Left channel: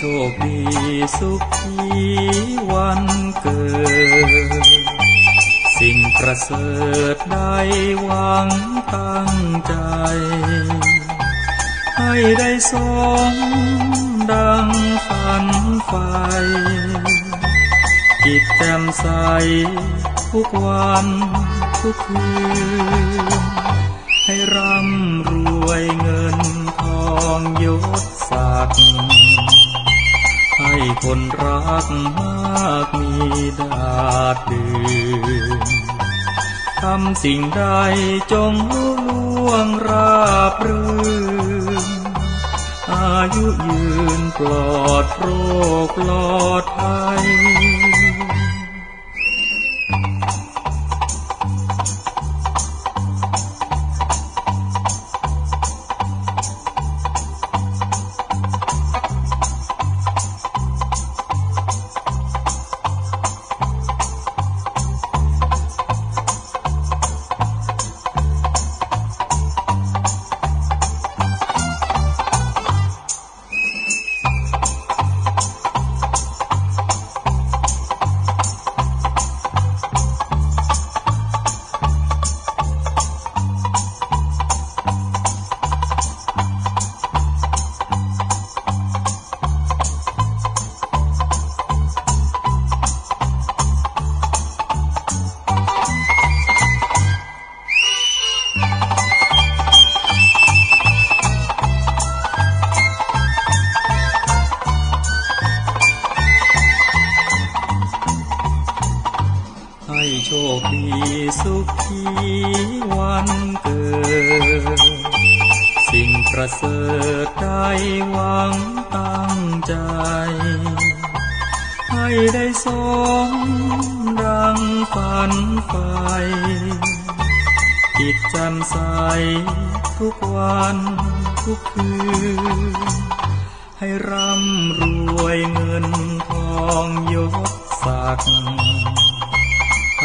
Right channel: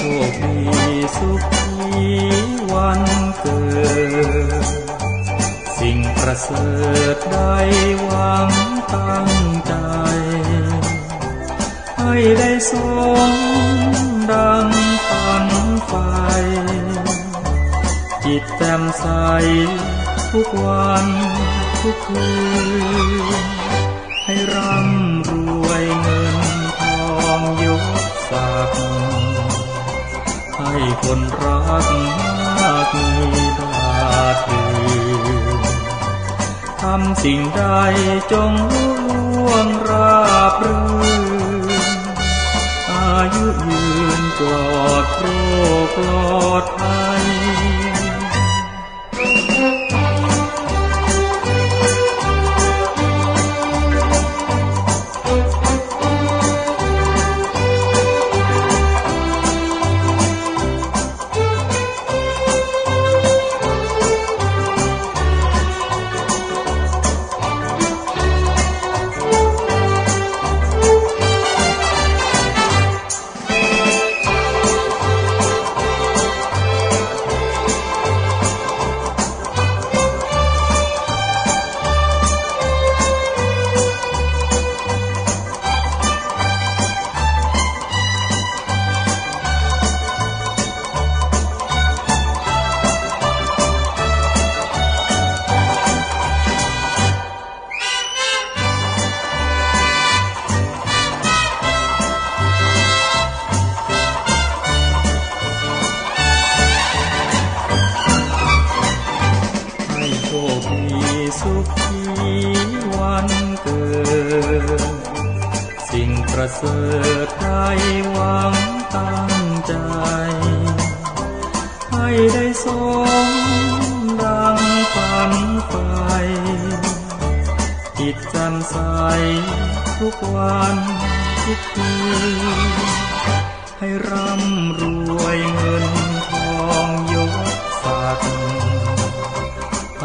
ชคดีสุขีวันเกิด สิ่งประเสริฐได้หวังตั้งใจ ให้ได้สมดังฝันไฟจิตแจ่มใสทุกวันทุกคืน ให้ร่ำรวยเงินทองยศศักดิ์ ให้คนรักมากมีดาดดืนทำสิ่งใดจงลุล่วงราบรื่น อายุยืนปลอดโรคปลอดภัย ให้โชคดีสุขีวันเกิด สิ่งประเสริฐได้หวังตั้งใจ ให้ได้สมดังฝันไฟจิตแจ่มใสทุกวันทุกคืนให้ร่ำรวยเงินทองยศศักดิ์